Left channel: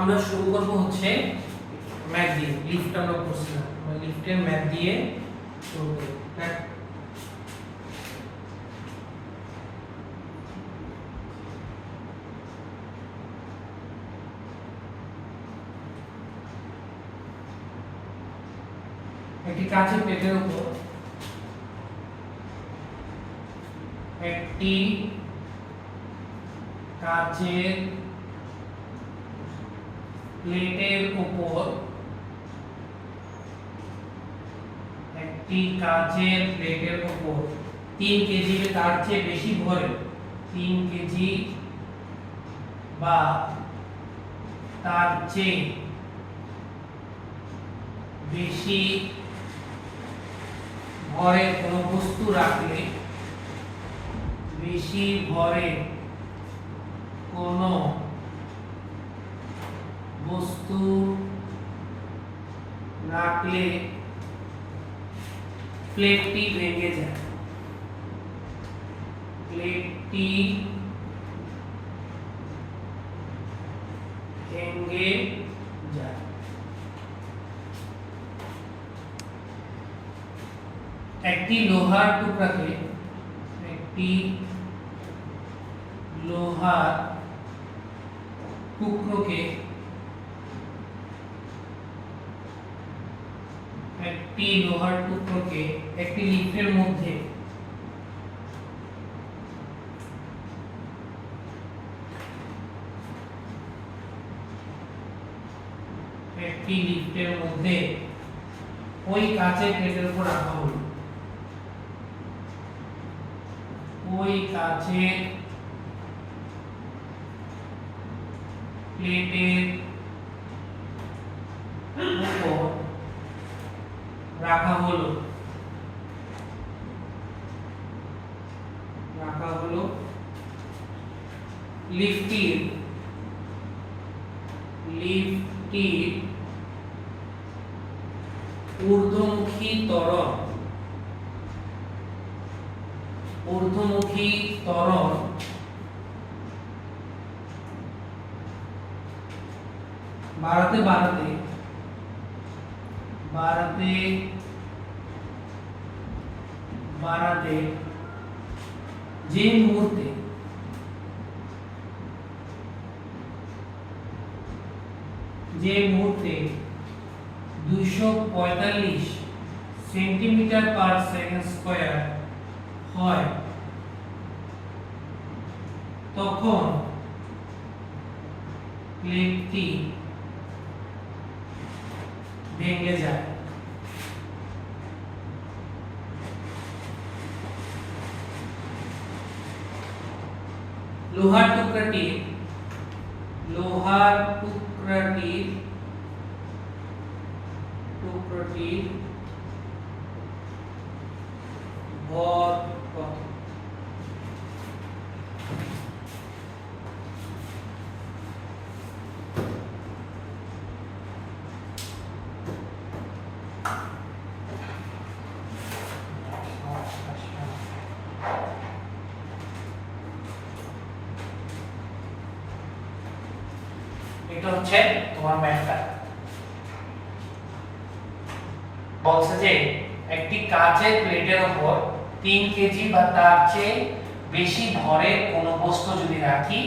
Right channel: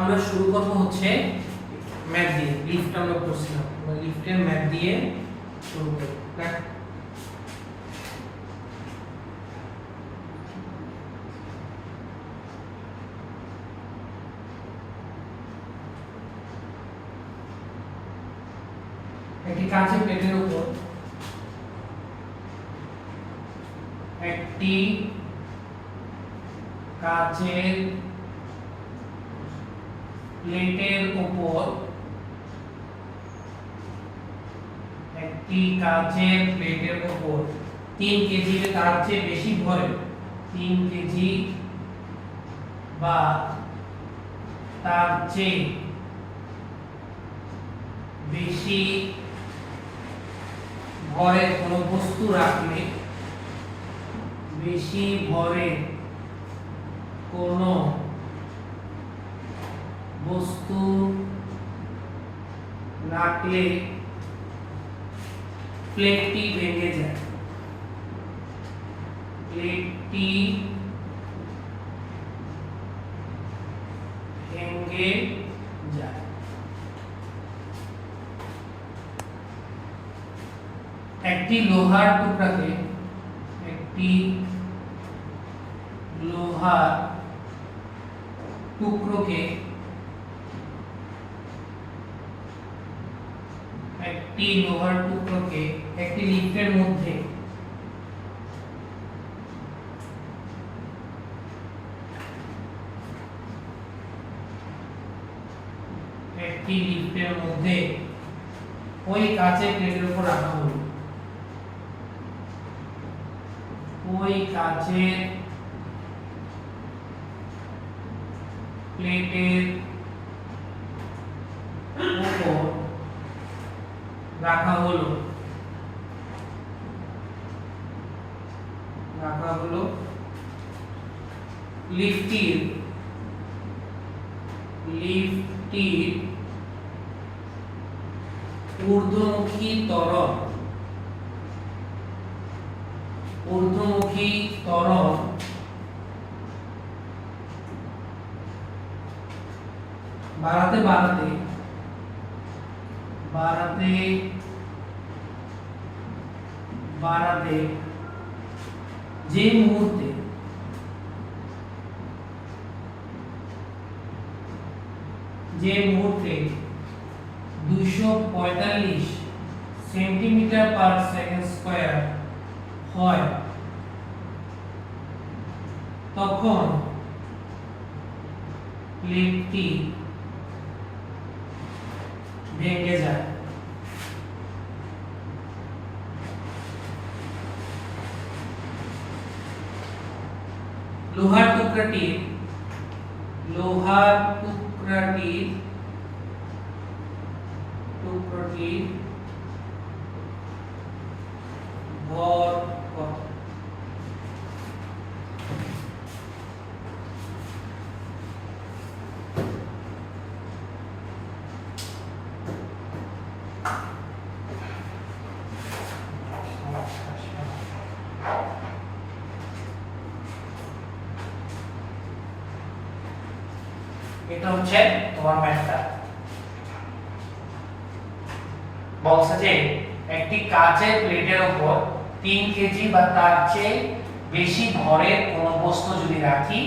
আমরা শুরু করব হচ্ছে ম্যাথ দিয়ে। লিফট আমরা করছিলাম, লিফটের ম্যাথ দিয়ে শুরু করব। একটি কাঁচের প্লেটের উপর একটি কাঁচের প্লেটের উপর একটি কাঁচের প্লেটের উপর 3 কেজি তার চেয়ে বেশি ভরে 3 কেজি বা তার চেয়ে বেশি ভরের কোনো বস্তু রাখলে বেশি ভরের কোনো বস্তু রাখলে প্লেটটি ভেঙে যায়। প্লেটটি ভেঙে যায়। একটি লোহার টুকরাকে একটি লোহার টুকরোকে একটি লোহার টুকরোকে একটি লিফটের মধ্যে ওই কাঁচের প্লেটের উপর রাখা হলো। ওই কাঁচের প্লেটের উপর রাখা হলো লিফটির ঊর্ধ্বমুখী ত্বরণ বাড়াতে যে মুহূর্তে যে মুহূর্তে 245 সেন্টিমিটার পার সেকেন্ড স্কয়ার হয় তখন প্লেটটি ভেঙে যায়। লোহার টুকরাটির ভর কত? এটা হচ্ছে তোমার ম্যাথটা। বলছে যে একটি কাঁচের প্লেটের উপর 3 কেজি বা তার চেয়ে বেশি ভরের কোনো বস্তু যদি রাখি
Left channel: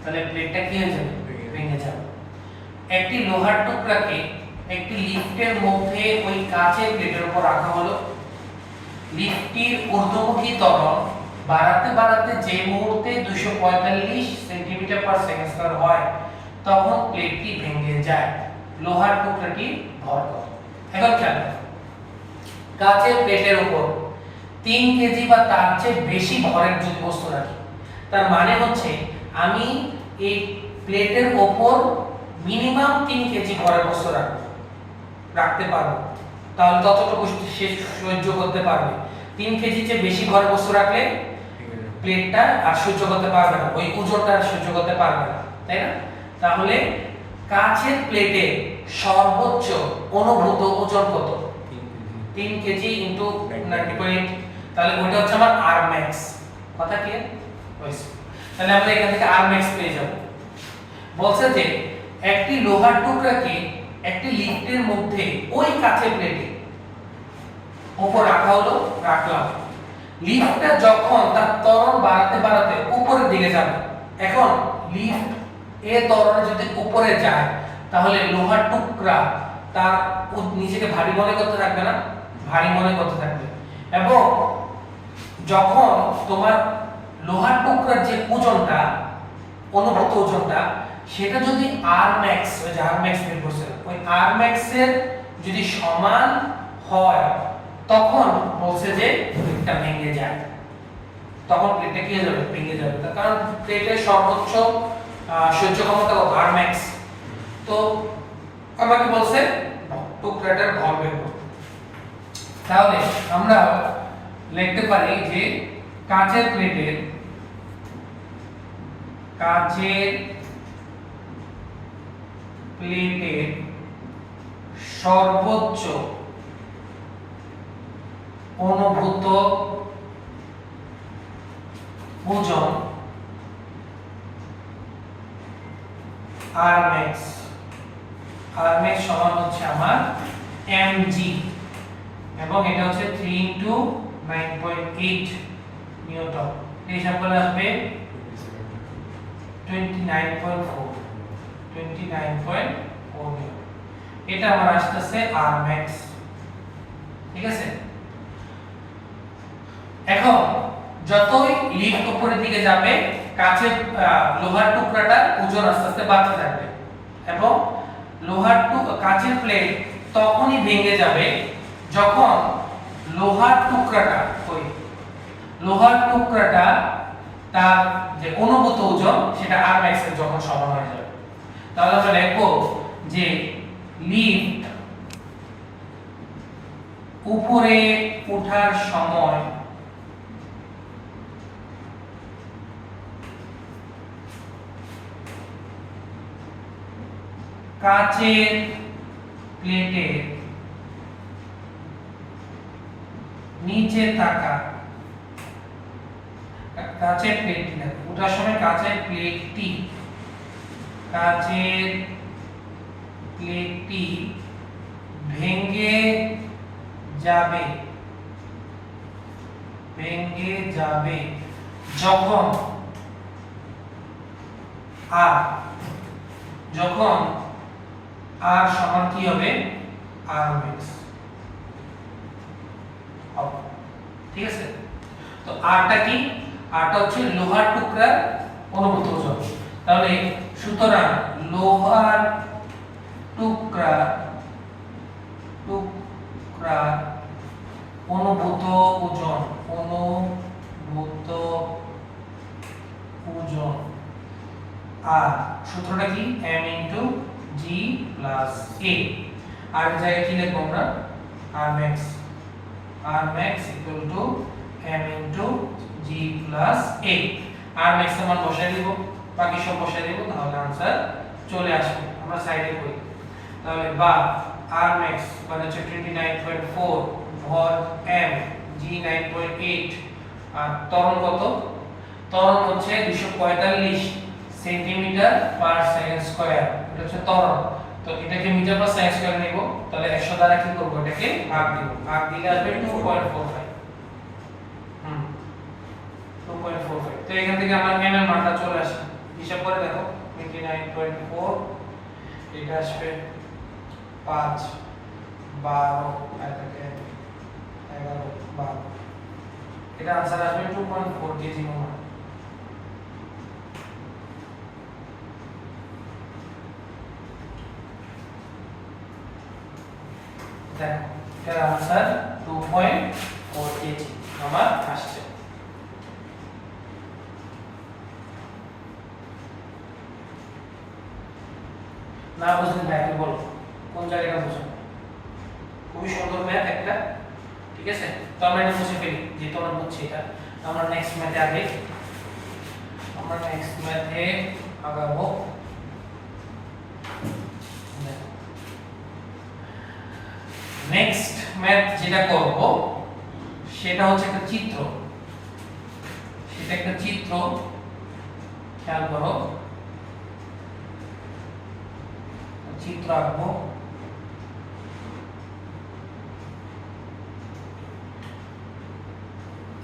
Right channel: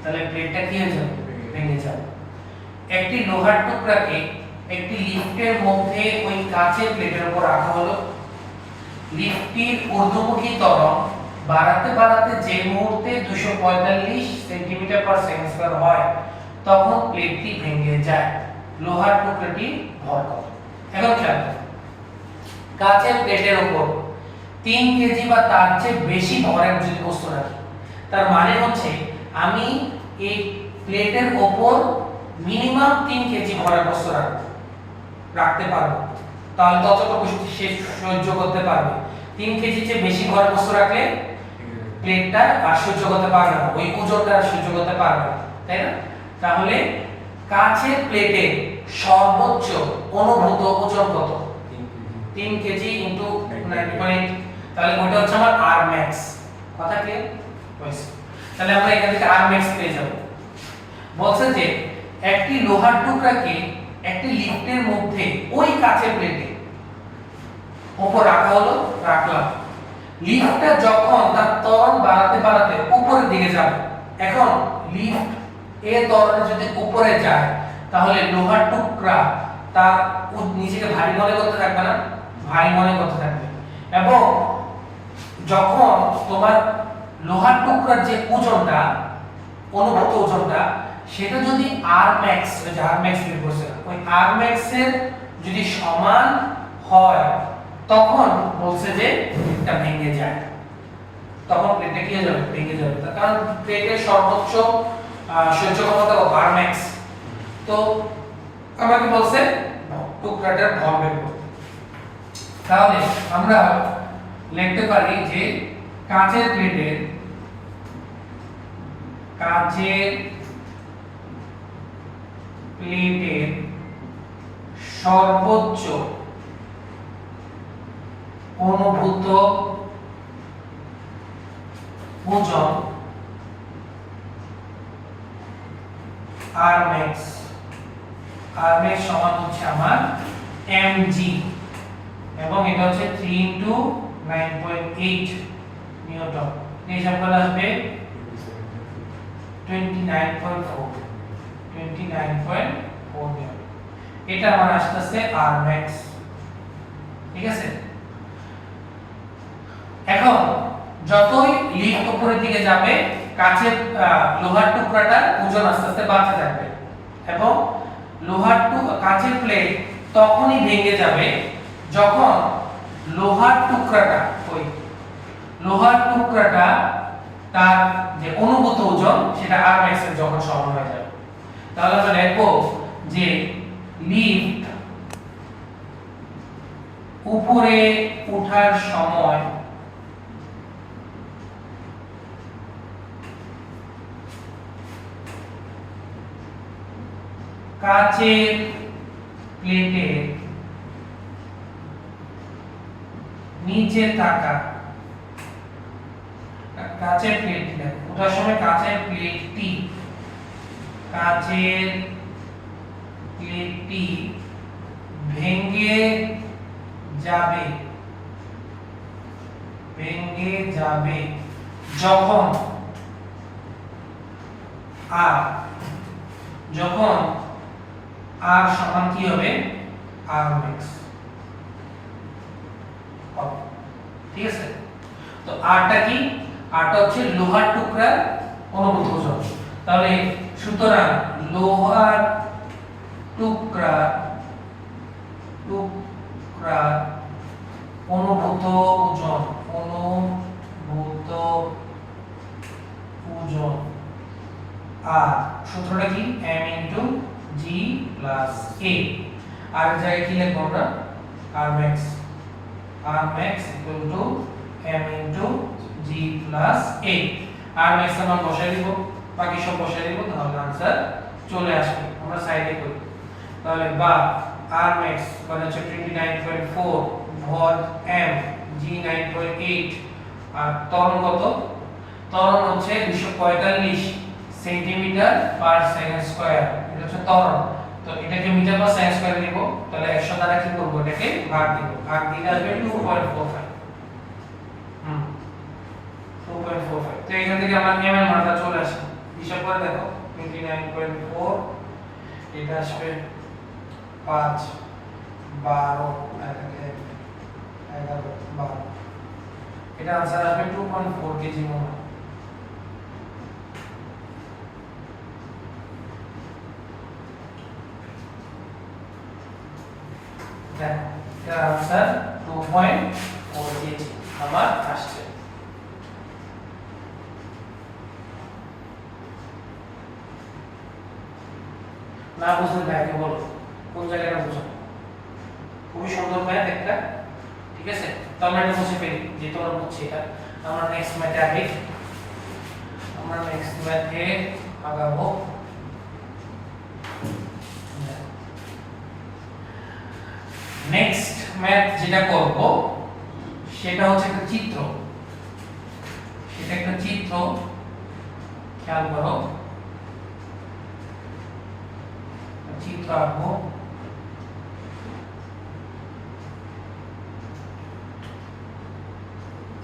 তাহলে প্লেটটা কি হয়ে যাবে? ভেঙে যাবে। একটি লোহার টুকরাকে একটি লিফটের মধ্যে ওই কাঁচের প্লেটের উপর রাখা হলো। লিফটটির ঊর্ধ্বমুখী ত্বরণ বাড়াতে যে মুহূর্তে 245 সেন্টিমিটার পার সেকেন্ড স্কয়ার হয় তখন প্লেটটি ভেঙে যায়। লোহার টুকরাটি ভর কত? এখন খেয়াল করো, কাঁচের প্লেটের উপর 3 কেজি বা তার চেয়ে বেশি ভরের যদি বস্তু রাখি, তার মানে হচ্ছে আমি এই প্লেটের উপর মিনিমাম 3 কেজি ভরের বস্তু রাখতে পারবো, তাহলে ততটুকু সে সহ্য করতে পারবে। 3 কেজি চেয়ে বেশি ভরের বস্তু রাখলে প্লেটটা আর সহ্য করতে পারবে না, ওই ওজনটা সহ্য করতে পারবে না, তাই না? তাহলে কাঁচের প্লেটের সর্বোচ্চ অনুভূত ওজন কত? 3 কেজি ইনটু 90.8, তাহলে ওটা হচ্ছে আমার আর ম্যাক্স। কথা কি হইছে? তাহলে আমরা এখান থেকে আর ম্যাক্স পেয়ে যাব। বলছে যে একটি লোহার টুকরাকে একটি লিফটের মধ্যে ওই কাঁচের প্লেটে উপর রাখা হলো, রাখলাম। লিফটটা যখন তার ত্বরণ বাড়াতে বাড়াতে উপরের দিকে যাবে, এখন লিফট এর ত্বরণে যদি উপরে যায় তাহলে লোহার টুকরা তার নিজেকে ভারী মনে করতে থাকবে না, ভারী মনে করতে থাকবে। এবং যখন তোমার লোহার টুকরার যে ওজনটা, অনুভূত ওজনটা, সেটা যদি আর ম্যাক্স, ওই যে আর ম্যাক্স বের করছে, ওই আর ম্যাক্স এর যদি সমান হয় তখন বলছে যে এটা ভেঙে যায়, তখন প্লেটটা কি হয়ে যাবে, ভেঙে যাবে। তার কারণ প্লেটের সর্বোচ্চ সহ্য ক্ষমতা আর ম্যাক্স। তো আমাকে বলছে টুকরাটার ভর বের করতে। তাহলে আমরা লিখতে পারি যে কাঁচের প্লেটের সর্বোচ্চ অনুভূত ওজন আর ম্যাক্স সমান হচ্ছে আমার mg, এবং এটা হচ্ছে 3 into 9.8 নিউটন। এই হিসাব করলে আসবে 29.4 নিউটন। এটা আমার আসছে আর ম্যাক্স, ঠিক আছে। এখন যতই লিফট উপরের দিকে যাবে কাঁচের লোহার টুকরাটার ওজন আস্তে আস্তে বাড়তে থাকবে, এবং কাঁচের প্লেট তখনই ভেঙে যাবে যখন লোহার টুকরাটা তার যে অনুভূত ওজন সেটা আর ম্যাক্স এর যখন সমান হয়ে যাবে। তাহলে আমরা লিখব যে লিফট উপরে ওঠার সময় কাঁচের প্লেটের নিচে থাকা কাঁচের প্লেটটি ওঠার সময় কাঁচের প্লেটটি ভেঙে যাবে যখন আর সমান কি হবে, আর ম্যাক্স হবে, ঠিক আছে। তো আরটা কি, আরটা হচ্ছে লোহার টুকরার অনুভূত ওজন। তাহলে সুতরাং লোহার টুকরা অনুভূত ওজন আর সূত্রটা কি, m into g plus a। আর এর জায়গায় কি লিখব আমরা, r max equal to m into g plus a। r max এর মান বসাই দিব, বাকি সব বসাই দিব, তাহলে आंसर চলে আসবে। আমরা সাইডে করি, তাহলে বা r max মানে হচ্ছে 29.4, ভর m, g 9.8, আর ত্বরণ কত, ত্বরণ হচ্ছে 245 সেন্টিমিটার পার সেকেন্ড স্কয়ার, এটা হচ্ছে ত্বরণ। তো এটাকে মিটার পার সেকেন্ড স্কয়ার নিব, তাহলে 100 দ্বারা কি করব, এটাকে ভাগ দিব, ভাগ দিলে আসবে 2.45। 2.45। তো এখান থেকে আমরা m এর মানটা চলে আসে, হিসাব করে দেখো 29.4, এটা আসবে 5 12 এটাকে 11 12, এটা आंसर আসবে 2.4 কেজি মনে হয়। দেখো এর आंसर 2.4 কেজি আমার আসছে। না বুঝলে ব্যাকে বলো কোন জায়গাটা বুঝো, খুবই সুন্দর ম্যাথ একটা, ঠিক আছে। তো আমরা এটা মুছে ফেলি যে তোমার হচ্ছে এটা। আমরা নেক্সট ম্যাথে আগাবো। নেক্সট ম্যাথ যেটা করব সেটা হচ্ছে একটা চিত্র, খেয়াল করো। চিত্র আঁকবো।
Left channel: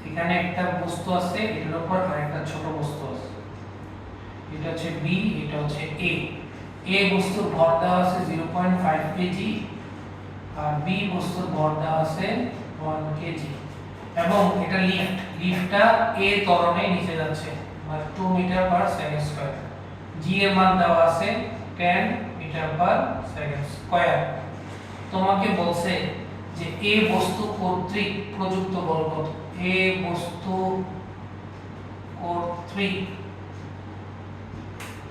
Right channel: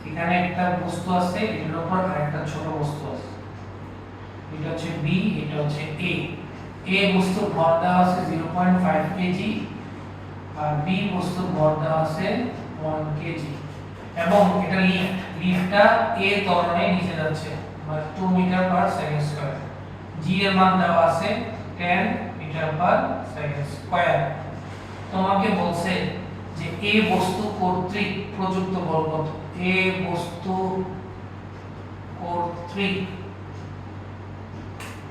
এখানে একটা বস্তু আছে, এর উপর আরেকটা ছোট বস্তু আছে, এটা হচ্ছে বি, এটা হচ্ছে এ। এ বস্তুর ভর দেওয়া আছে 0.5 কেজি আর বি বস্তুর ভর দেওয়া আছে 1 কেজি এবং এটা লিফটটা এ ত্বরণে নিচে যাচ্ছে, মানে 2 মিটার পার সেকেন্ড স্কয়ার। জি এর মান দেওয়া আছে 10 মিটার পার সেকেন্ড স্কয়ার। তোমাকে বলছে যে এ বস্তু কর্তৃক প্রযুক্ত বল কত। এ বস্তু কর্তৃক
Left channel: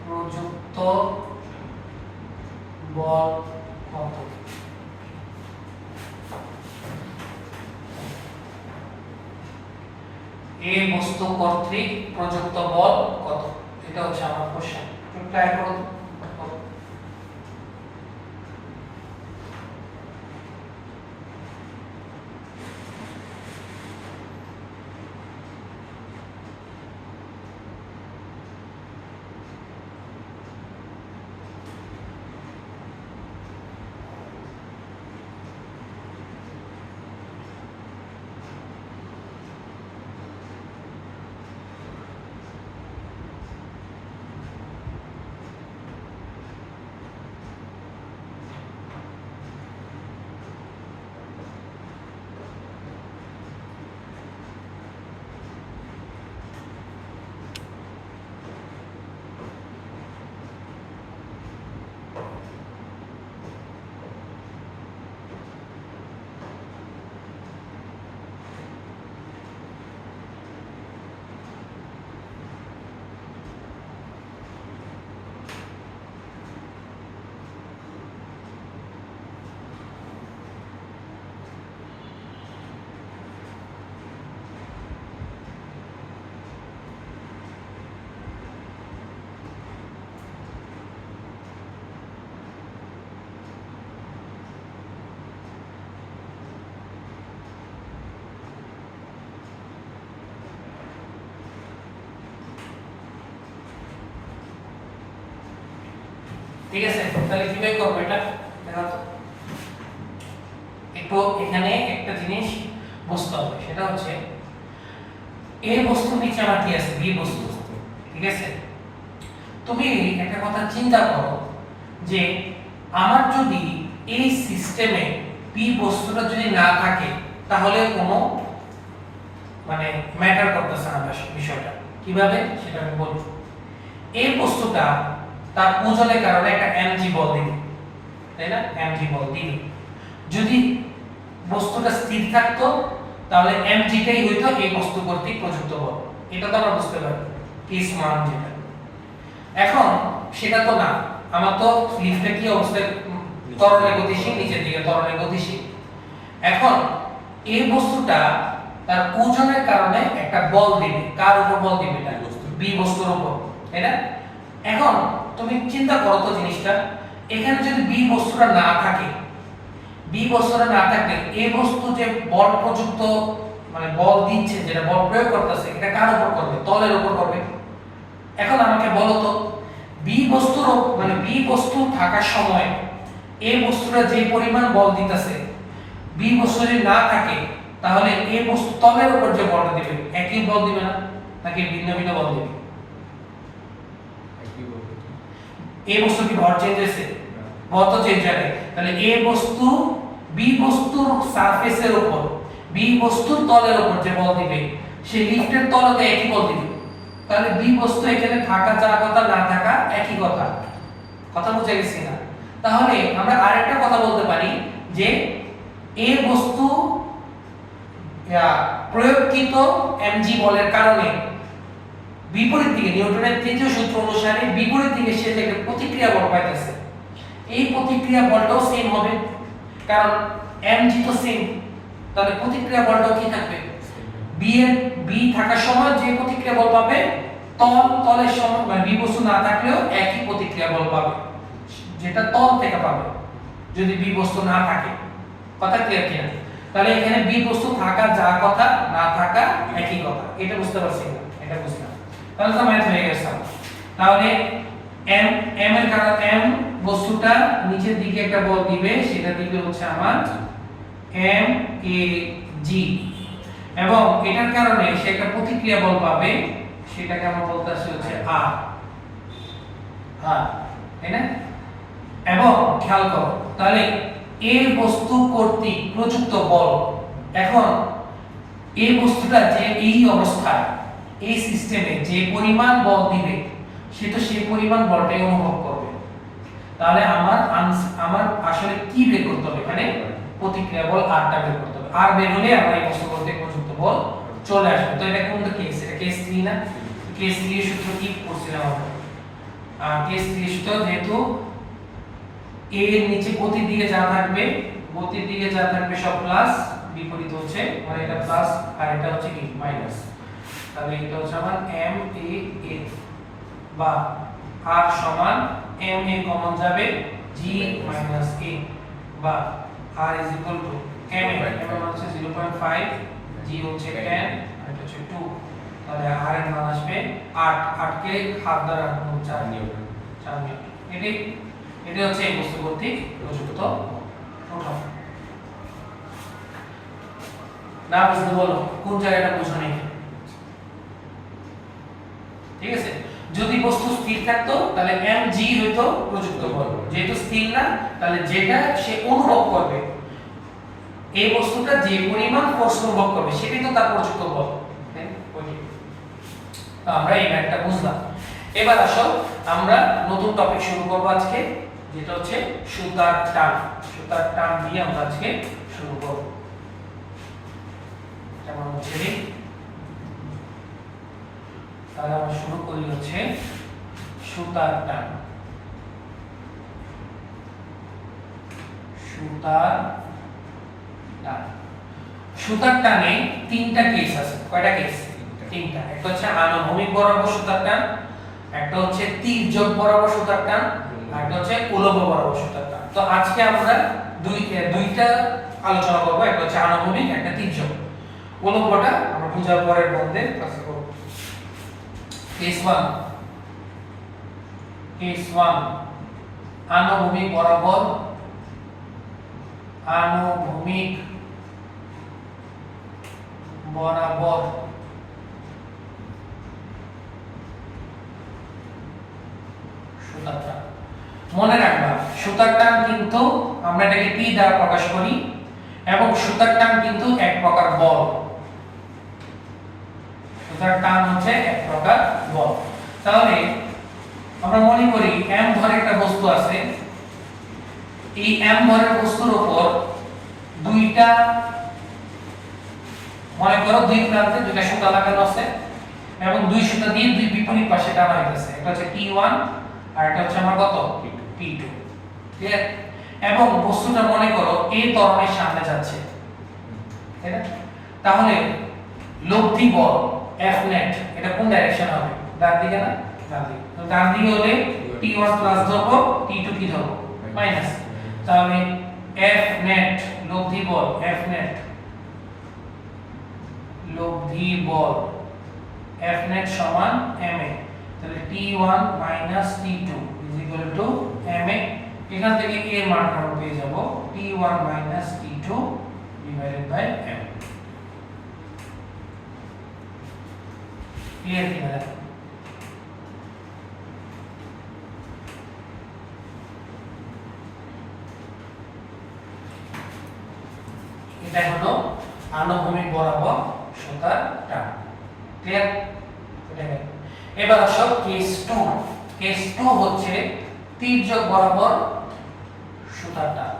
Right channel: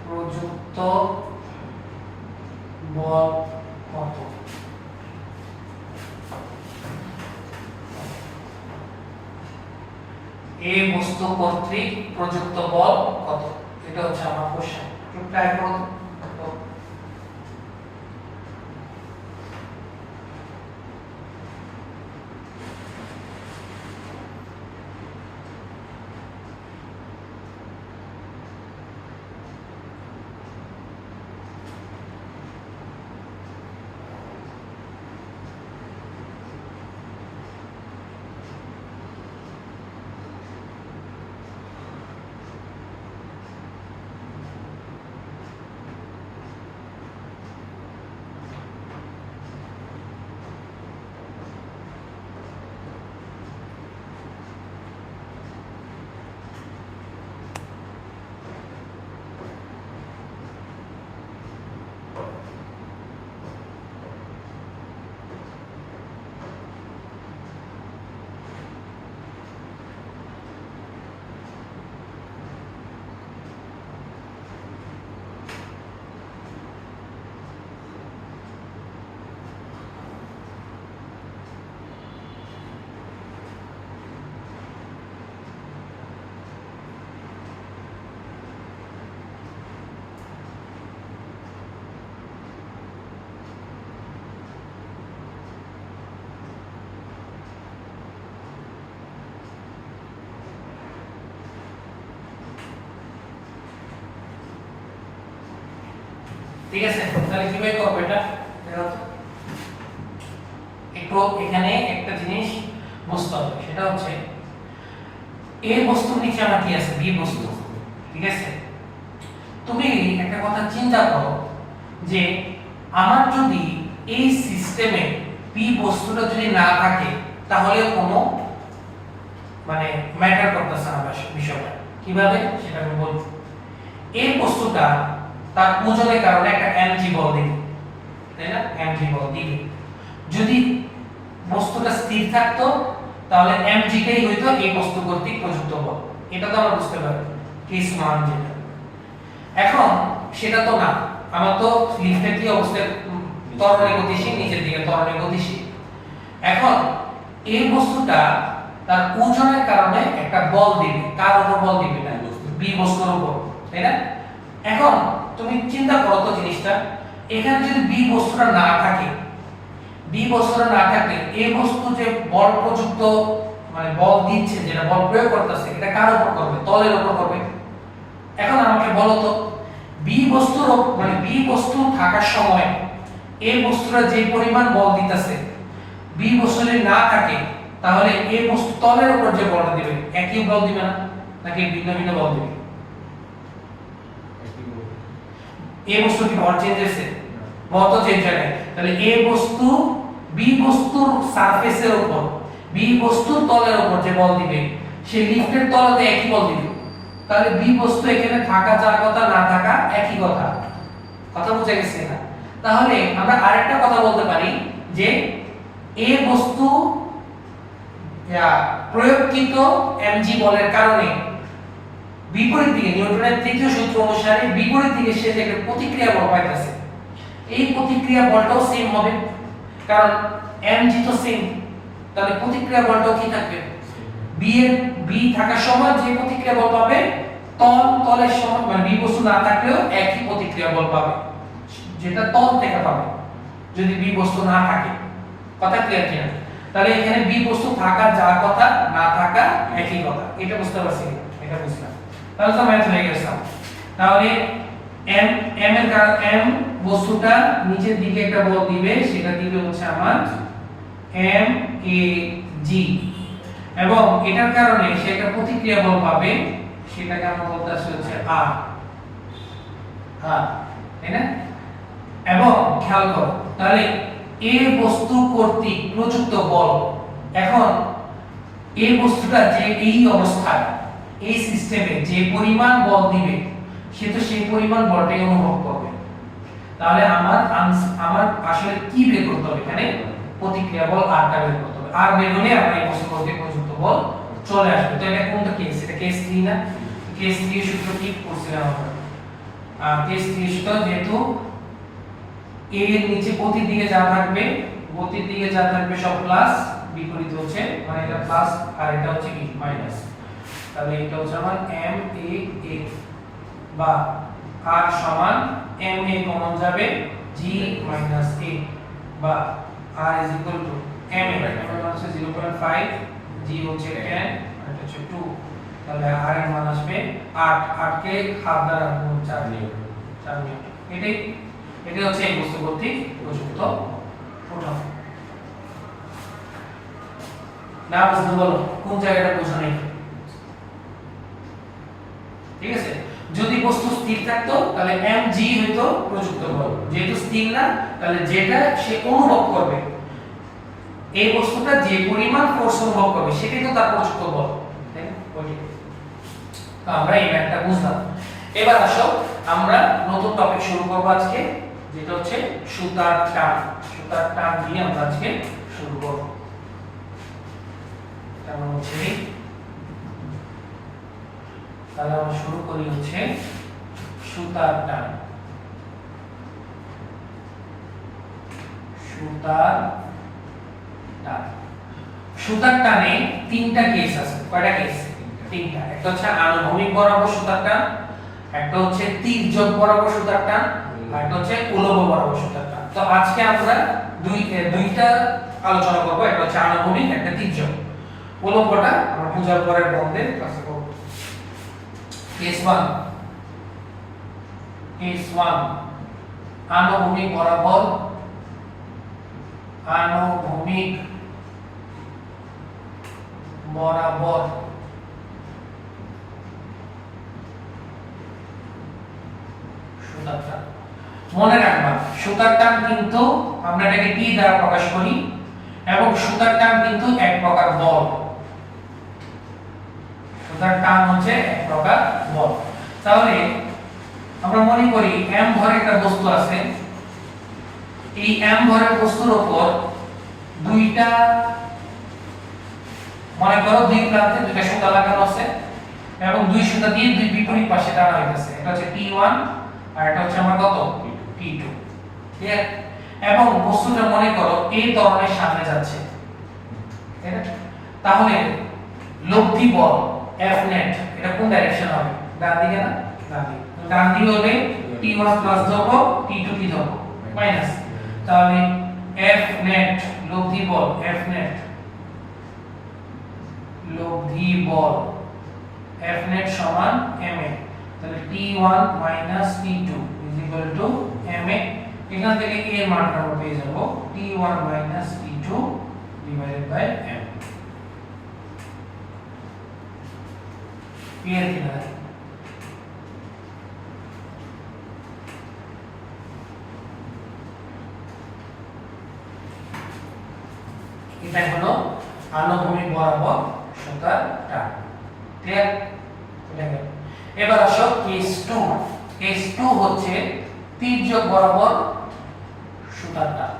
প্রযুক্ত বল কত। এ বস্তু কর্তৃক প্রযুক্ত বল কত, এটা হচ্ছে আমার কোশ্চেন। একটু ট্রাই করো। ঠিক আছে, তাহলে কিভাবে করব এটা দেখো তো। একটু এখানে একটা জিনিস বুঝতে হবে, সেটা হচ্ছে এ বস্তুর নিচে আমার কি আছে, বি বস্তু। ঠিক আছে, তুমি একটা কথা চিন্তা করো যে আমার যদি এই সিস্টেমে বি বস্তুটা যদি না থাকে তাহলে কোনো মানে ম্যাটার করতেছে না বিষয়টা। কিভাবে সেটা আমি বলছি। এই বস্তুটা তার ওজনের কারণে একটা mg বল দিবে, তাই না? mg বল দিবে। যদি বস্তুটা স্থির থাকতো তাহলে mg টাই হইতো এই বস্তু কর্তৃক প্রযুক্ত বল। এটা তো আমরা বুঝতে পারবো কেস মান যেটা। এখন সেটা তো না, আমার তো লিফটের কি অবস্থায় ত্বরণে গতিশীল, নিচের দিকে ত্বরণে গতিশীল। এখন এই বস্তুটা তার ওজনের কারণে একটা বল দিবে। কার উপর বল দিবে? না, বি বস্তুর উপর, তাই না? এখন তুমি চিন্তা করো তো জিনিসটা, এখানে যদি বি বস্তুটা না থাকে, বি বস্তুটা না থাকলে এই বস্তু যে বল প্রযুক্ত মানে বল দিচ্ছে, যেটা বল প্রয়োগ করতেছে, এটা কার উপর করবে? তলের উপর করবে। এখন আমাকে বলো তো বি বস্তুর মানে বি বস্তু থাকার সময় এই বস্তুটা যে পরিমাণ বল দিতেছে, বি বস্তু যদি না থাকে তাহলে এই বস্তু তলের উপর যে বলটা দিবে একই বল দিবে না, নাকি ভিন্ন ভিন্ন বল দিবে? এই বস্তু কি ভর চেঞ্জ হয়েছে? ভর তো চেঞ্জ হয় নাই। তাহলে এ বস্তু বি বস্তুর সারফেসের উপর, বি বস্তুর তলের উপর যে বল দিবে, সে লিফটের তলতে একই বল দিবে। তাহলে বি বস্তু এখানে থাকা যার কথা, না থাকা একই কথা। কথা বুঝে গেছে না? তাহলে আমরা আরেকটা কথা বলতে পারি যে এ বস্তু প্রয়োগকৃত mg বলের কারণে বিপরীত দিকে নিউটনের তৃতীয় সূত্র অনুসারে বিপরীত দিকে সে যে প্রতিক্রিয়া বল পাইতেছে, এই প্রতিক্রিয়া বলটাও সেম হবে, কারণ mg তো সেম। তাহলে প্রতিক্রিয়া বলটাও কি থাকবে? বি থাকার সময় যে প্রতিক্রিয়া বল পাবে, তলের সময় মানে বি বস্তু না থাকলেও একই প্রতিক্রিয়া বল পাবে, যেটা তল থেকে পাবে যদি বি বস্তু না থাকে। কথা ক্লিয়ার কিনা? তাহলে এখানে বি বস্তু থাকা যা কথা, না থাকা একই কথা। এটা বুঝতে পারছি না? এটা বুঝলাম। তাহলে তো ম্যাথ হয়ে গেছে। তাহলে m এর কারণ m বস্তুটা নিচের দিকে একটা বল দিবে, সেটা দিবে হচ্ছে আমার এম এ জি, এবং এটার কারণে সে একটা প্রতিক্রিয়া বল পাবে, সেটাকে আমরা বলতেছি হচ্ছে আর আর, তাই না? এবং খেয়াল করো তাহলে এই বস্তু কর্তৃক প্রযুক্ত বল, এখন এই বস্তুটা যে এই অবস্থায় এই সিস্টেমে যে পরিমাণ বল দিবে সে তো সেই পরিমাণ বলটাই অনুভব করবে। তাহলে আমার আসলে কি বের করতে হবে এখানে? প্রতিক্রিয়া বল আরটা বের করতে হবে। আর বের হলে আমার এই বস্তু কর্তৃক প্রযুক্ত বল চলে আসবে। তো এটা কোনটা কেস? এটা কেস 3 না? কেস 3 এর সূত্র কি করছিলাম আমরা? কেস 3 এর সূত্র যেহেতু a এর নিচে গতির দিকে যা থাকবে, গতির দিকে যা থাকবে সব প্লাস, বিপরীত হচ্ছে মানে এটা প্লাস আর এটা হচ্ছে কি মাইনাস। তাহলে এটা হচ্ছে আমার m a a বা r সমান m a কমন যাবে g minus a বা r is equal to m a, m এর মান হচ্ছে 0.5, g হচ্ছে 10 আর এটা হচ্ছে 2। তাহলে r এর মান আসবে 8, 8 কে হাফ দ্বারা গুণ 4 নিউটন, 4 নিউটন। এটাই হচ্ছে এই বস্তু কর্তৃক প্রযুক্ত প্রোটন। না বুঝতে বলো কোন জায়গাটা বোঝা নেই, ঠিক আছে? যদি বস্তু স্থির থাকতো তাহলে mg হইতো প্রযুক্ত বল, যেহেতু স্থির না তাহলে যেটা সে অনুভব করবে, এই বস্তুটা যে পরিমাণ ফোর্স অনুভব করবে সেটাই তো তার প্রযুক্ত বল, তাই না? তো আমরা এই ম্যাথটা বুঝলাম। এবার আসো আমরা নতুন টপিক শুরু করব আজকে, যেটা হচ্ছে সুতার টান। সুতার টান দিয়ে আমরা আজকে শুরু করব। কেমন হচ্ছে? তাহলে আমরা শুরু করি হচ্ছে সুতার টান। সুতার টান, সুতার টানে তিনটা কেস আছে। কয়টা কেস? তিনটা। একটা হচ্ছে আনুভূমিক বরাবর সুতার টান, একটা হচ্ছে তির্যক বরাবর সুতার টান, আর একটা হচ্ছে উলম্ব বরাবর সুতার টান। তো আজকে আমরা দুইটা আলোচনা করব, একটা হচ্ছে আনুভূমিক, একটা তির্যক। উলম্বটা আমরা পূজার পরের বন্ধে ক্লাসে করব। কেস 1, কেস 1 আনুভূমিক বরাবর, আনুভূমিক বরাবর সুতার টান। মনে রাখবা সুতার টান কিন্তু আমরা এটাকে P দ্বারা প্রকাশ করি এবং সুতার টান কিন্তু এক প্রকার বল। সুতার টান হচ্ছে এক প্রকার বল। তাহলে আমরা মনে করি m ভরের একটা বস্তু আছে, এই m ভরের বস্তুর উপর দুইটা, মনে করো দুই প্রান্তে দুইটা সুতা লাগানো আছে এবং দুই সুতা দিয়ে দুই বিপরীত পাশে টানা হইতেছে। একটা হচ্ছে P1 আর একটা হচ্ছে আমার কত P2, ক্লিয়ার? এবং বস্তুটা মনে করো এই ত্বরণের সামনে যাচ্ছে, তাই না? তাহলে লব্ধি বল F net এটা কোন ডাইরেকশন হবে? ডান দিকে না? ডান দিকে। তো ডান দিকে হলে T1 প্লাস ধরবো, T2 কি ধরবো? মাইনাস। তাহলে F net লব্ধি বল, F net লব্ধি বল F net সমান ma। তাহলে T1 minus T2 is equal to ma। এখান থেকে a এর মানটা আমরা পেয়ে যাব T1 minus T2 divided by m। Clear কিনা? এটা হলো আনুভূমিক বরাবর সুতার টান, ক্লিয়ার? এবার আসো কেস 2। কেস 2 হচ্ছে তির্যক বরাবর সুতার টান।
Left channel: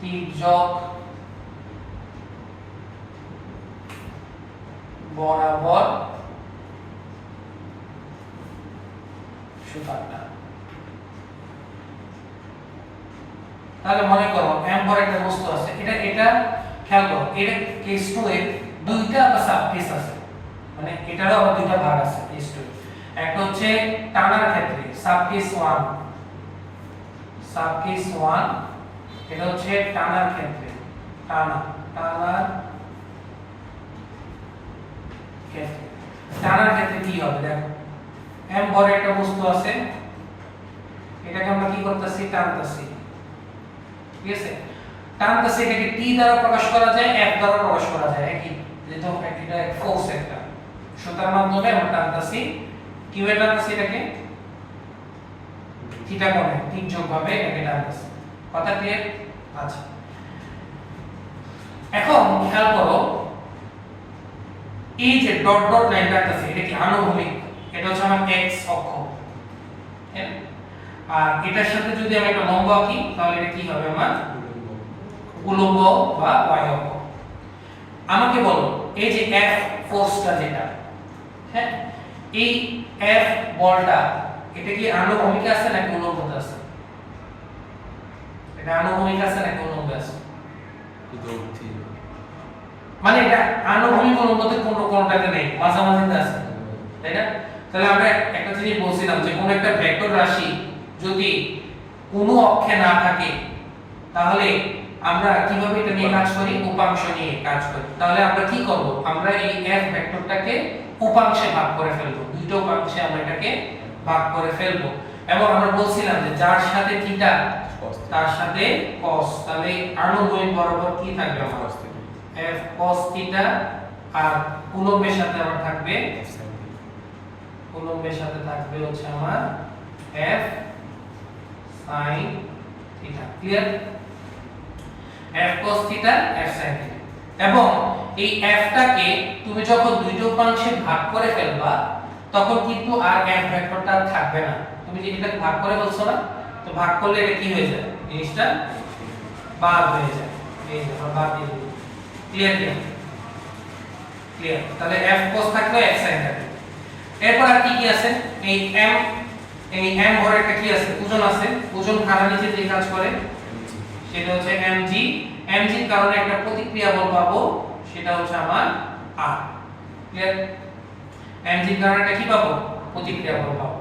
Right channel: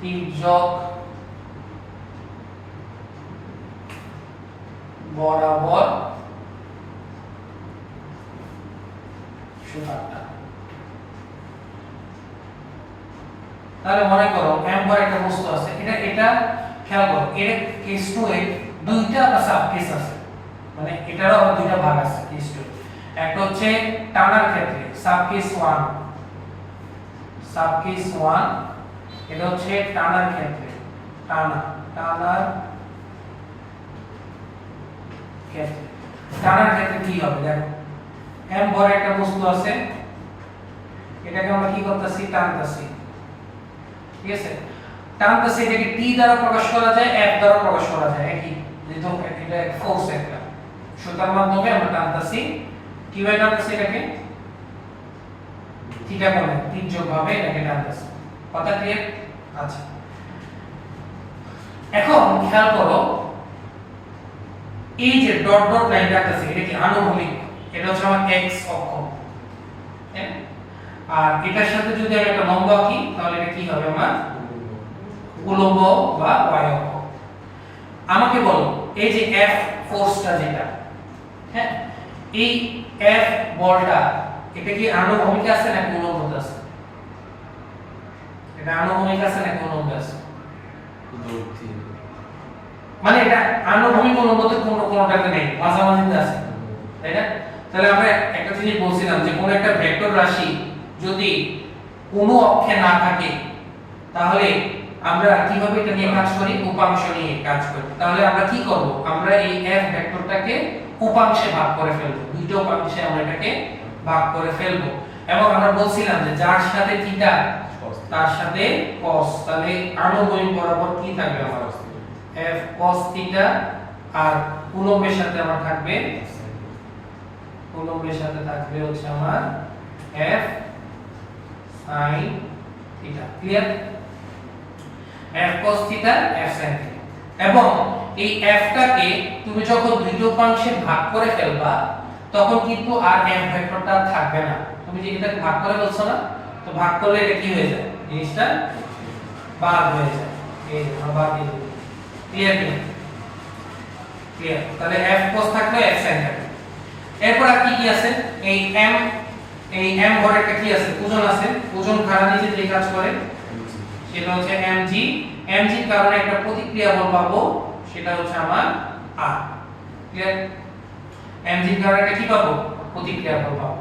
তির্যক বরাবর সুতার টান। তাহলে মনে করো m ভর একটা বস্তু আছে, এটা খেয়াল করো, এটা কেস 2 এ দুইটা সাব কেস আছে, মানে এটারও আবার দুইটা ভাগ আছে কেস 2। একটা হচ্ছে টানার ক্ষেত্রে সাব কেস 1, সাব কেস 1 এটা হচ্ছে টানার ক্ষেত্রে, টানার ক্ষেত্রে। টানার ক্ষেত্রে কি হবে দেখো, m ভর একটা বস্তু আছে, এটাকে আমরা কি করতেছি টানতেছি ঠিক আছে টানতেছি এটাকে টি দ্বারা প্রকাশ করা যায় এফ দ্বারা প্রকাশ করা যায় একই যেহেতু এটা এক ফোর্স একটা সুতার মাধ্যমে আমরা টানতেছি কিভাবে টানতেছি এটাকে থিটা কোণে তির্যক ভাবে এটাকে টানতেছি কথা ক্লিয়ার আচ্ছা এখন খেয়াল করো এই যে ডট ডট লাইন রাখতেছি এটা কি আনুভূমিক এটা হচ্ছে আমার x অক্ষ হ্যাঁ আর এটার সাথে যদি আমি একটা লম্ব আঁকি তাহলে এটা কি হবে আমার উলম্ব বা y অক্ষ আমাকে বলো এই যে F ফোর্সটা যেটা হ্যাঁ এই F বলটা এটা কি আনুভূমিক আছে নাকি উলম্ব আছে এটা আনুভূমিক আছে নাকি উলম্ব আছে মানে এটা আনুভূমিক অনুপাতের কোনটাতে নেই মাঝামাঝিতে আছে তাই না তাহলে আমরা একটা জিনিস বলছিলাম যে কোন একটা ভেক্টর রাশি যদি কোনো অক্ষে না থাকে তাহলে আমরা কিভাবে এটা নিয়ে কাজ করি উপাংশ নিয়ে কাজ করি তাহলে আমরা কি করব আমরা এই f ভেক্টরটাকে উপাংশে ভাগ করে ফেলবো দুটো উপাংশে আমরা এটাকে ভাগ করে ফেলবো এবং আমরা বলছিলাম যে যার সাথে থিটা তার সাথে cos তাহলে আনুভূমিক বরাবর কি থাকবে আমার f cos থিটা আর উলম্বের সাথে আমার থাকবে উলম্বের সাথে থাকবে হচ্ছে আমার f sin theta clear f cos theta f sin theta এবং এই f টাকে তুমি যখন দুইটো উপাংশে ভাগ করে ফেলবা তখন কিন্তু আর f ভেক্টরটা থাকবে না তুমি যে এটা ভাগ করে বলছো না তো ভাগ করলে এটা কি হয়ে যায় জিনিসটা বাদ হয়ে যায় এই আমরা বাদ দিয়ে দিই ক্লিয়ার ক্লিয়ার তাহলে f cos থাকলো f sin থাকলো এরপর আর কি কি আছে এই m ঘরে একটা কি আছে ওজন আছে ওজন খাড়া নিচে যে কাজ করে সেটা হচ্ছে mg mg এর কারণে একটা প্রতিক্রিয়া বল পাবো সেটা হচ্ছে আমার r ক্লিয়ার mg এর কারণে একটা কি পাবো প্রতিক্রিয়া বল পাবো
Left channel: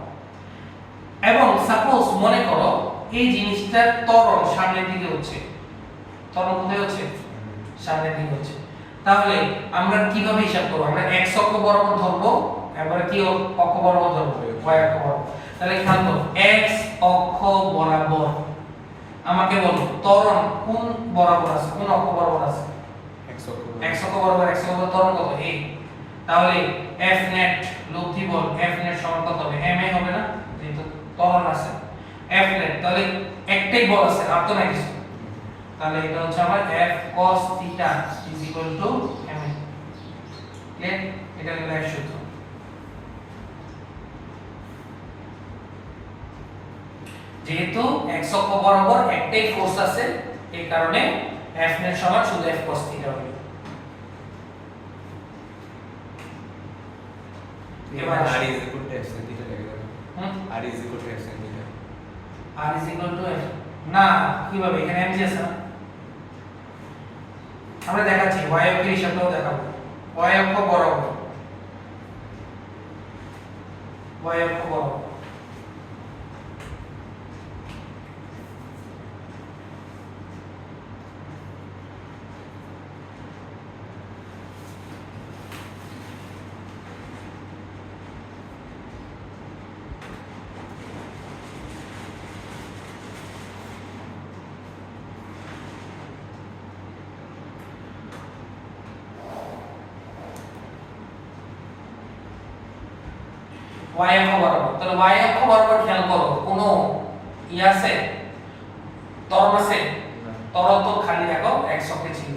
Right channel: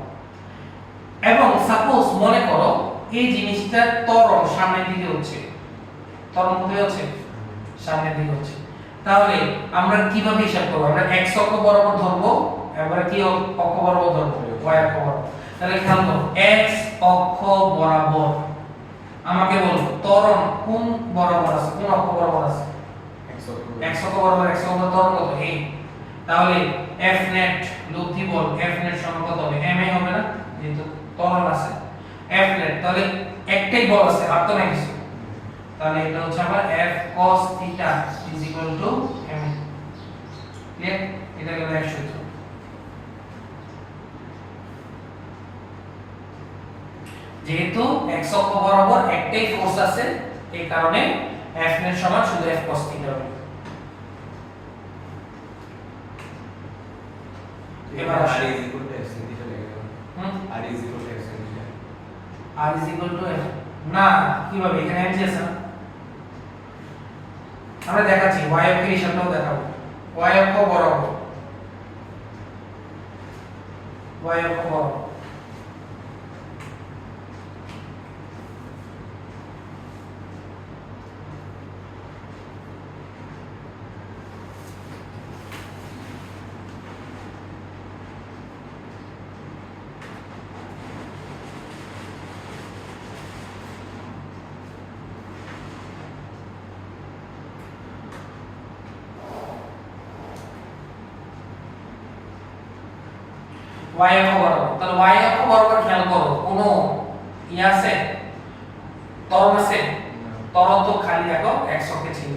এবং সাপোজ মনে করো এই জিনিসটার ত্বরণ সামনের দিকে হচ্ছে ত্বরণ কোথায় হচ্ছে সামনের দিকে হচ্ছে তাহলে আমরা কিভাবে হিসাব করব আমরা x অক্ষ বরাবর ধরবো এবারে কি অক্ষ বরাবর ধরবো y অক্ষ বরাবর তাহলে খেয়াল করো x অক্ষ বরাবর আমাকে বলো ত্বরণ কোন বরাবর আছে কোন অক্ষ বরাবর আছে x অক্ষ বরাবর x অক্ষ ত্বরণ কত এই তাহলে f net লব্ধি বল f net সমান কত হবে ma হবে না যেহেতু ত্বরণ আছে f net তাহলে একটাই বল আছে আর তো নাই কিছু তাহলে এটা হচ্ছে আমার f cos theta ma clear এটা হলো এক সূত্র যেহেতু x অক্ষ বরাবর একটাই ফোর্স আছে এই কারণে f net সমান শুধু f cos থিটা হবে এবার r is equal to f sin theta লিখে দাও r is equal to f sin theta r is equal to f না কিভাবে এখানে mg আছে না আমরা দেখাচ্ছি y অক্ষের হিসাবটাও দেখাবো y অক্ষ বরাবর y অক্ষ বরাবর y অক্ষ বরাবর তাহলে y অক্ষ বরাবর খেয়াল করো কোনো আছে ত্বরণ আছে ত্বরণ তো খালি দেখো x অক্ষে ছিল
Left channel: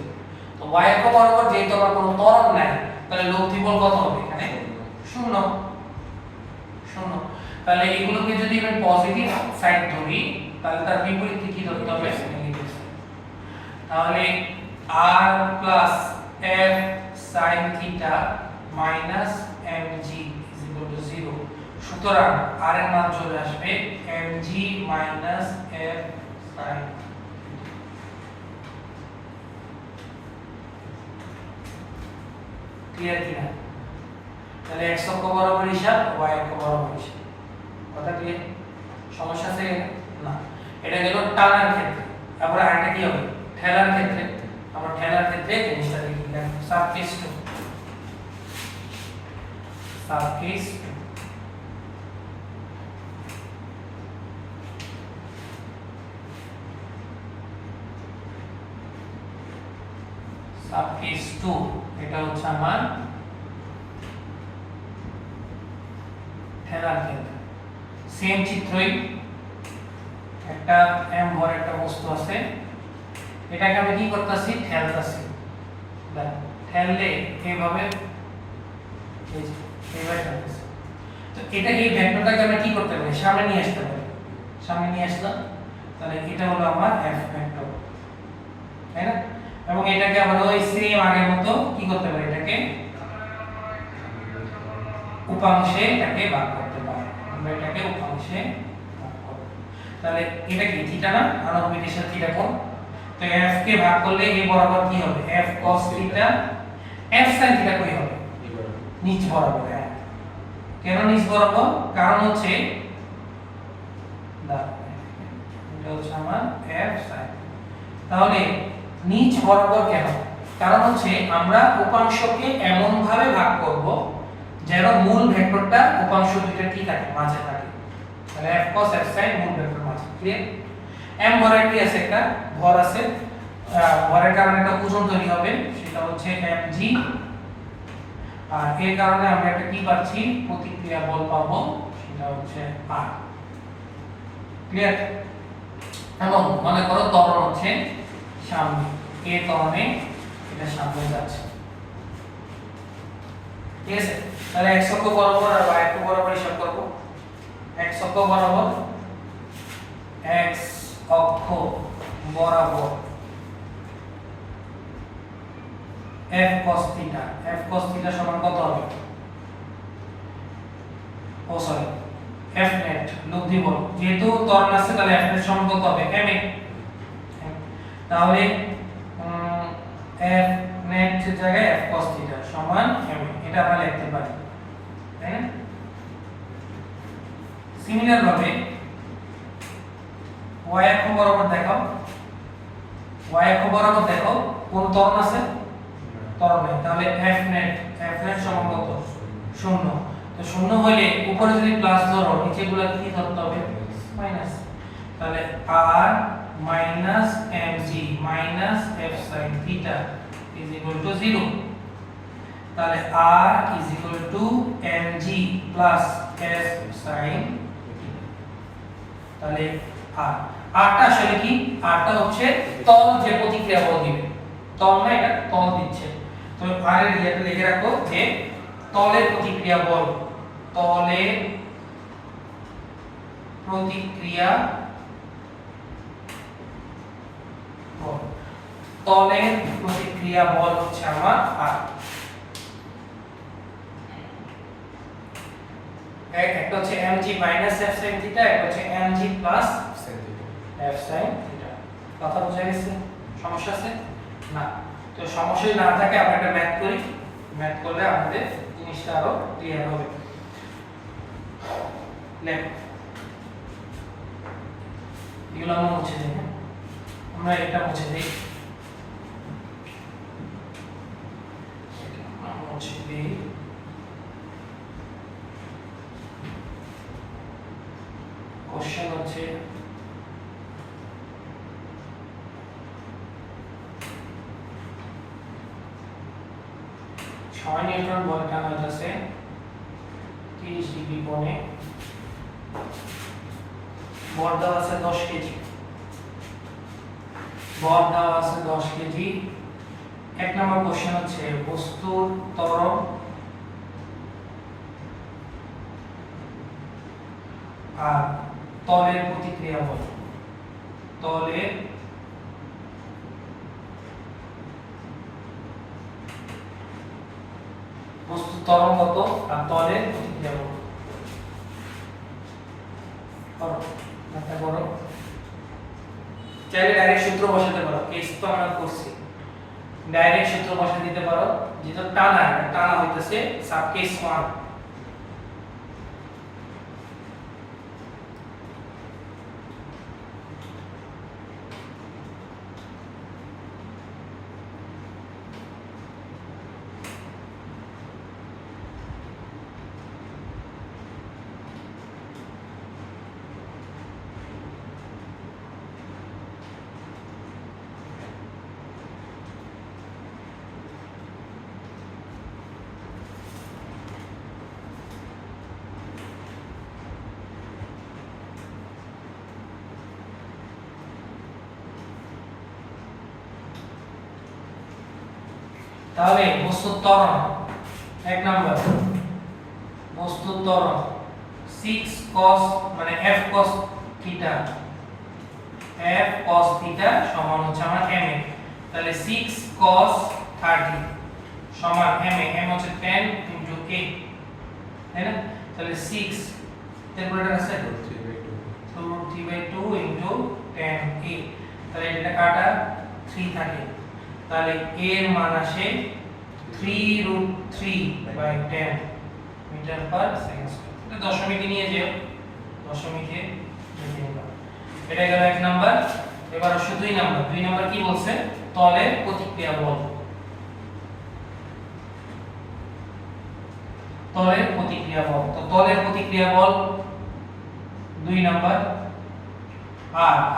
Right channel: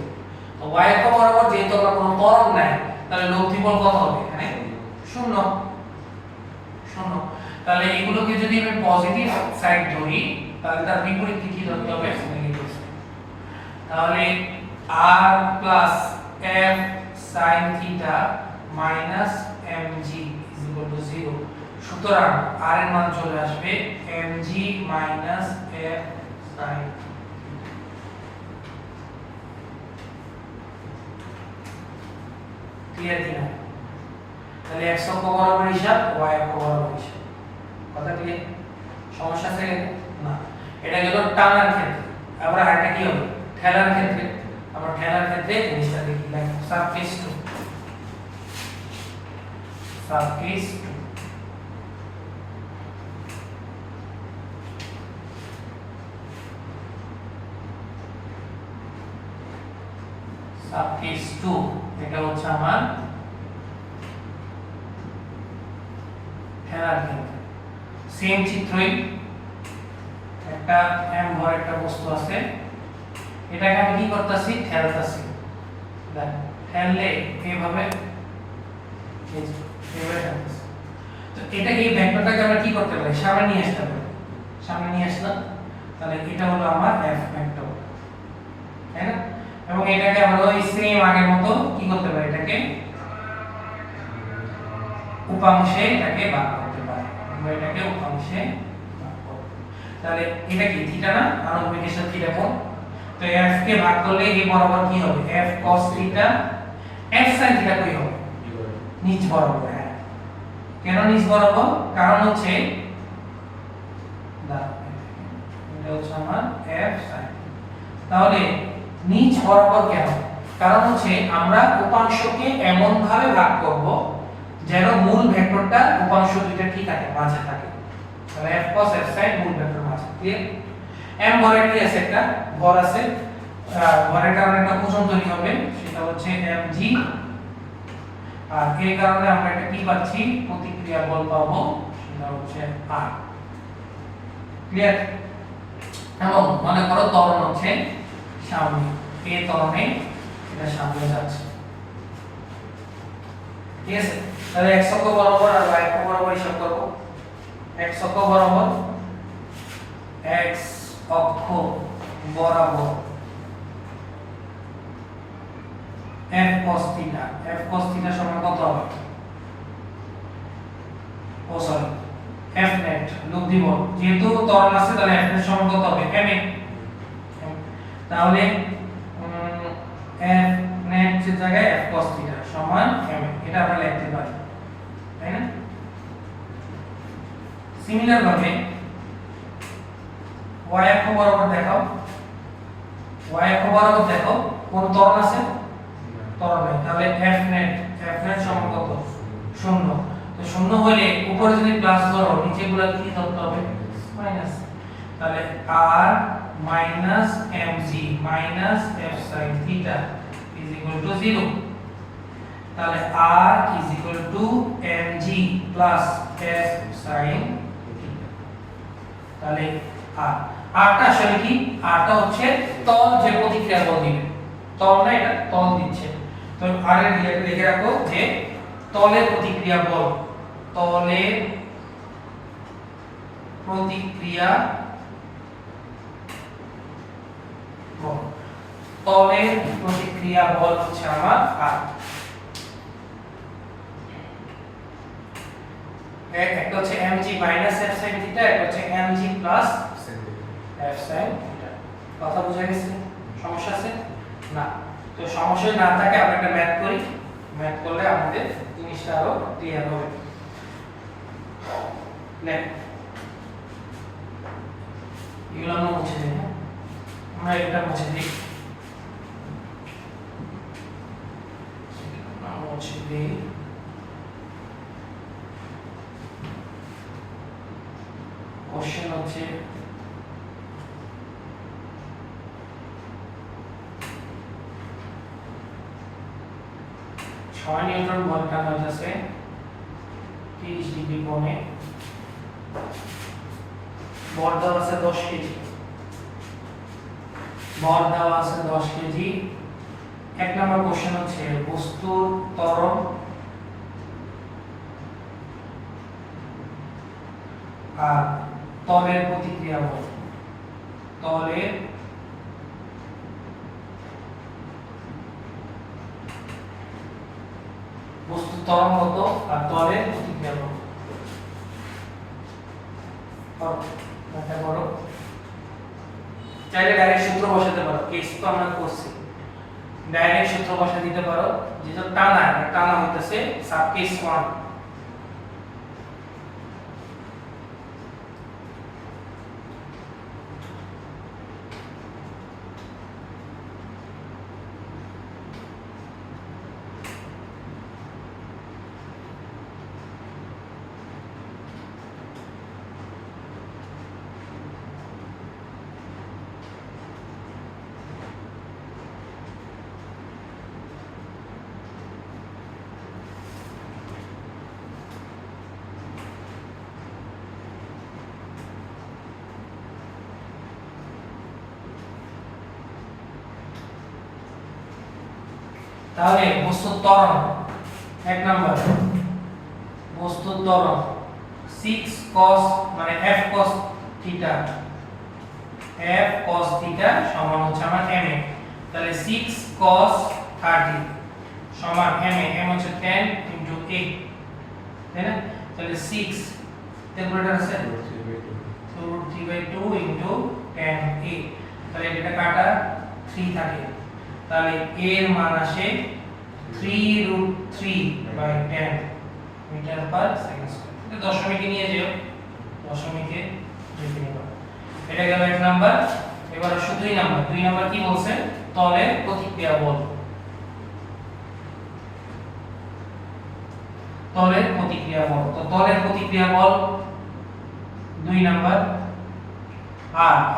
তো y অক্ষ বরাবর যেহেতু আমার কোনো ত্বরণ নাই তাহলে লব্ধি বল কত হবে এখানে শূন্য শূন্য তাহলে এগুলোকে যদি আমি পজিটিভ সাইড ধরি তাহলে তার বিপরীত কি ধরতে হবে নেগেটিভ সাইড তাহলে r f sin theta mg 0 সুতরাং r এর মান চলে আসবে mg f sin ক্লিয়ার কিনা তাহলে x অক্ষ বরাবর হিসাব y অক্ষ বরাবর হিসাব কথা ক্লিয়ার সমস্যা আছে না এটা গেল টানার ক্ষেত্রে আবার আরেকটা কি হবে ঠেলার ক্ষেত্রে আমরা ঠেলার ক্ষেত্রে জিনিসটা দেখি সারফেস টু সারফেস সাবকেস 2 এটা হচ্ছে আমার ঠেলার কেন্দ্র। সেম চিত্রই একটা m ভর একটা বস্তু আছে, এটাকে আমি কি করতেছি, ঠেলতাছি। দেখ ঠেললে এইভাবে এই যে এইভাবে ঠেলতেছি। তো এটা এই ভেক্টরটাকে আমরা কি করতে পারি, সামনে নিয়ে আসতে পারি। সামনে নিয়ে আসলাম, তাহলে এটা হলো আমার f ভেক্টর, তাই না? এবং এটাকে আমরা ওই সেম আগের মতো কি করতে পারি, এটাকে উপাংশে এটাকে ভাগ করতে পারি। আমরা এটাকে উপাংশে ভাগ করব। তাহলে এটা কি থিটা না, আনুভূমিকের সাথে থিটা কোণ। তো f কে ভাগ করলে এই বরাবর কি হবে, f cos theta, f sin theta কই হবে, নিচ বরাবর। হ্যাঁ, কেন নিচ বরাবর, কারণ হচ্ছে এটা হচ্ছে আমার f sin। তাহলে নিচ বরাবর কেন, কারণ হচ্ছে আমরা উপাংশকে এমন ভাবে ভাগ করব যেন মূল ভেক্টরটা উপাংশ দুইটা ঠিক আছে, মাঝে থাকে। তাহলে f cos f sin মূল ভেক্টর মাঝে। ক্লিয়ার? m ভরের কি আছে, একটা ভর আছে, ভরের কারণে একটা ওজন তৈরি হবে, সেটা হচ্ছে mg। আর এর কারণে আমরা একটা কি পাচ্ছি, প্রতিক্রিয়া বল পাবো, সেটা হচ্ছে r। ক্লিয়ার? এবং মনে করো ত্বরণ হচ্ছে সামনে, a ত্বরণে এটা সামনে যাচ্ছে। ঠিক আছে? তাহলে x অক্ষ বরাবর আর y অক্ষ বরাবর হিসাব করব। x অক্ষ বরাবর, x অক্ষ বরাবর f cos theta, f cos theta সমান কত হবে, ও সরি f net লব্ধি বল, যেহেতু ত্বরণ আছে তাহলে f net সমান কত হবে, ma। তাহলে f net এর জায়গায় f cos থিটা সমান ma, এটা আমরা লিখতে পারি, তাই না? সিমিলার ভাবে y অক্ষ বরাবর দেখাও, y অক্ষ বরাবর দেখো কোন ত্বরণ আছে, ত্বরণ নেই, তাহলে f net সমান কত, 0। তো 0 হলে উপরে যদি প্লাস ধরো, নিচে গুলো কি ধরতে হবে, মাইনাস। তাহলে r minus mg minus f sin theta is equal to 0। তাহলে r is equal to mg plus f sin theta। তাহলে r টা আসলে কি, r টা হচ্ছে তল যে প্রতিক্রিয়া বল দিবে, তল না, এটা তল দিচ্ছে। তো r এর লিখে রাখো যে তলের প্রতিক্রিয়া বল, তলের প্রতিক্রিয়া বল, তলের প্রতিক্রিয়া বল হচ্ছে আমার r। একটা হচ্ছে mg minus f sin theta, একটা হচ্ছে mg plus f sin theta। কথা বুঝা গেছে? সমস্যা আছে না? তো সমস্যা না থাকে আমরা একটা ম্যাথ করি, ম্যাথ করলে আমাদের জিনিসটা আরো ক্লিয়ার হবে। লেখ, এগুলো আমরা মুছে দিই। আমরা এটা মুছে দিই, মুছে দিই। কোশ্চেন হচ্ছে ছয় নিউটন বল টানা হইতেছে 30 ডিগ্রি কোণে, ভর দেওয়া আছে 10 কেজি, ভর দেওয়া আছে 10 কেজি। এক নম্বর কোশ্চেন হচ্ছে বস্তুর ত্বরণ আর তলের প্রতিক্রিয়া বল, তলের বস্তুর ত্বরণ কত আর তলের প্রতিক্রিয়া বল। বড় চাইলে ডাইরেক্ট সূত্র বসাতে পারো, কেস তো আমরা করছি, ডাইরেক্ট সূত্র বসা দিতে পারো, যেটা টানা, টানা হইতেছে সাব কেস 1। তাহলে বস্তুর ত্বরণ এক নাম্বার বস্তুর ত্বরণ 6 cos মানে f cos থিটা সমান হচ্ছে আমার ma, তাহলে 6 cos 30 সমান ma, m হচ্ছে 10 into a, তাই না? তাহলে 6 ক্যালকুলেটর আছে √3/2 into 10a, তাহলে এটা কাটা 3 থাকে, তাহলে a এর মান আসে 3√3/10 মিটার পার সেকেন্ড স্কয়ার। এটা দশমিকে নিয়ে যেও, দশমিকে লিখে নিবা। এটা গেল এক নাম্বার। এবার আসো দুই নাম্বার কি বলছে? তলের প্রতিক্রিয়া বল। তলের প্রতিক্রিয়া বল, তো তলের প্রতিক্রিয়া বল দুই নাম্বার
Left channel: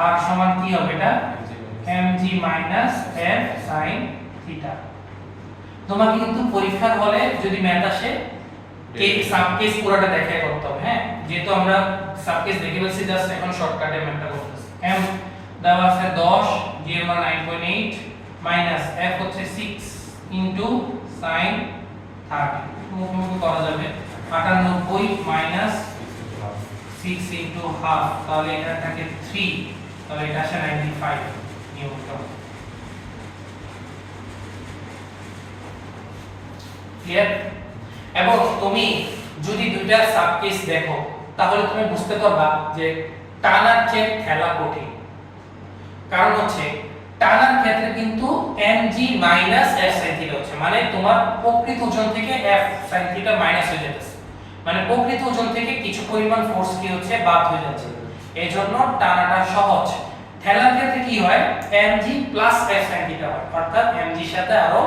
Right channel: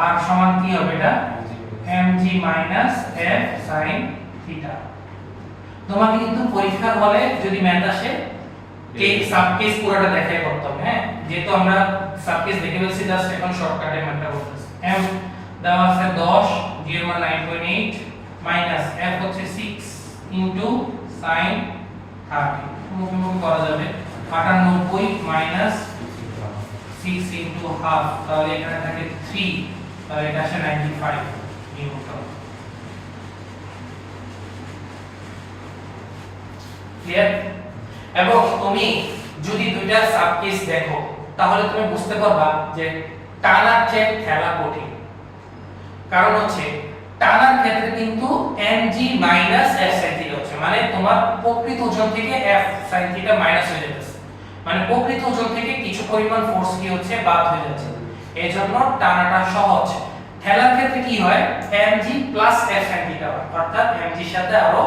আর সমান কি হবে? এটা mg f sin থিটা। তোমাকে কিন্তু পরীক্ষার হলে যদি ম্যাথ আসে এই সাবকেস পুরোটা দেখাই করতে হবে, হ্যাঁ, যেহেতু আমরা সাবকেস দেখে ফেলছি, জাস্ট এখন শর্টকাটে ম্যাথটা করতেছি। m দেওয়া আছে 10, g এর মান 9.8 মাইনাস f হচ্ছে 6 ইনটু sin 30, মুখোমুখি করা যাবে 98 মাইনাস 6 ইনটু হাফ, তাহলে এখানে থাকে 3, তাহলে এটা আসে 95 নিউটন। ক্লিয়ার? এবং তুমি যদি দুইটা সাবকেস দেখো তাহলে তুমি বুঝতে পারবা যে টানার চেয়ে ঠেলা কঠিন। কারণ হচ্ছে টানার ক্ষেত্রে কিন্তু mg f sin থিটা হচ্ছে, মানে তোমার প্রকৃত ওজন থেকে f sin থিটা মাইনাস হয়ে যাচ্ছে, মানে প্রকৃত ওজন থেকে কিছু পরিমাণ ফোর্স কি হচ্ছে বাদ হয়ে যাচ্ছে, এইজন্য টানাটা সহজ। ঠেলার ক্ষেত্রে কি হয়? mg f sin থিটা হয়, অর্থাৎ mg এর সাথে আরো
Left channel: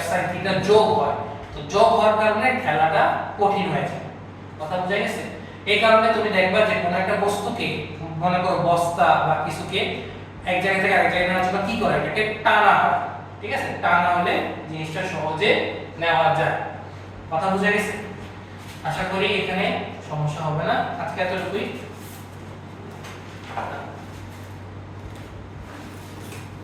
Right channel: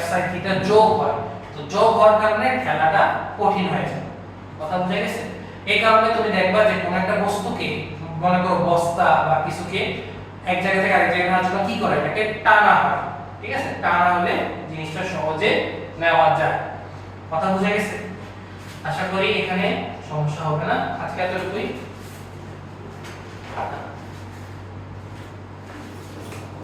f sin থিটা যোগ হয়, তো যোগ হওয়ার কারণে খেলাটা কঠিন হয়ে যায়। কথা বুঝা গেছে? এই কারণে তুমি দেখবা যে কোন একটা বস্তুকে, মনে করো বস্তা বা কিছুকে এক জায়গা থেকে আরেক জায়গায় নেওয়ার জন্য কি করে? এটাকে টানা হয়, ঠিক আছে? টানা হলে জিনিসটা সহজে নেওয়া যায়। কথা বুঝা গেছে? আশা করি এখানে সমস্যা হবে না। আজকে এতটুকুই।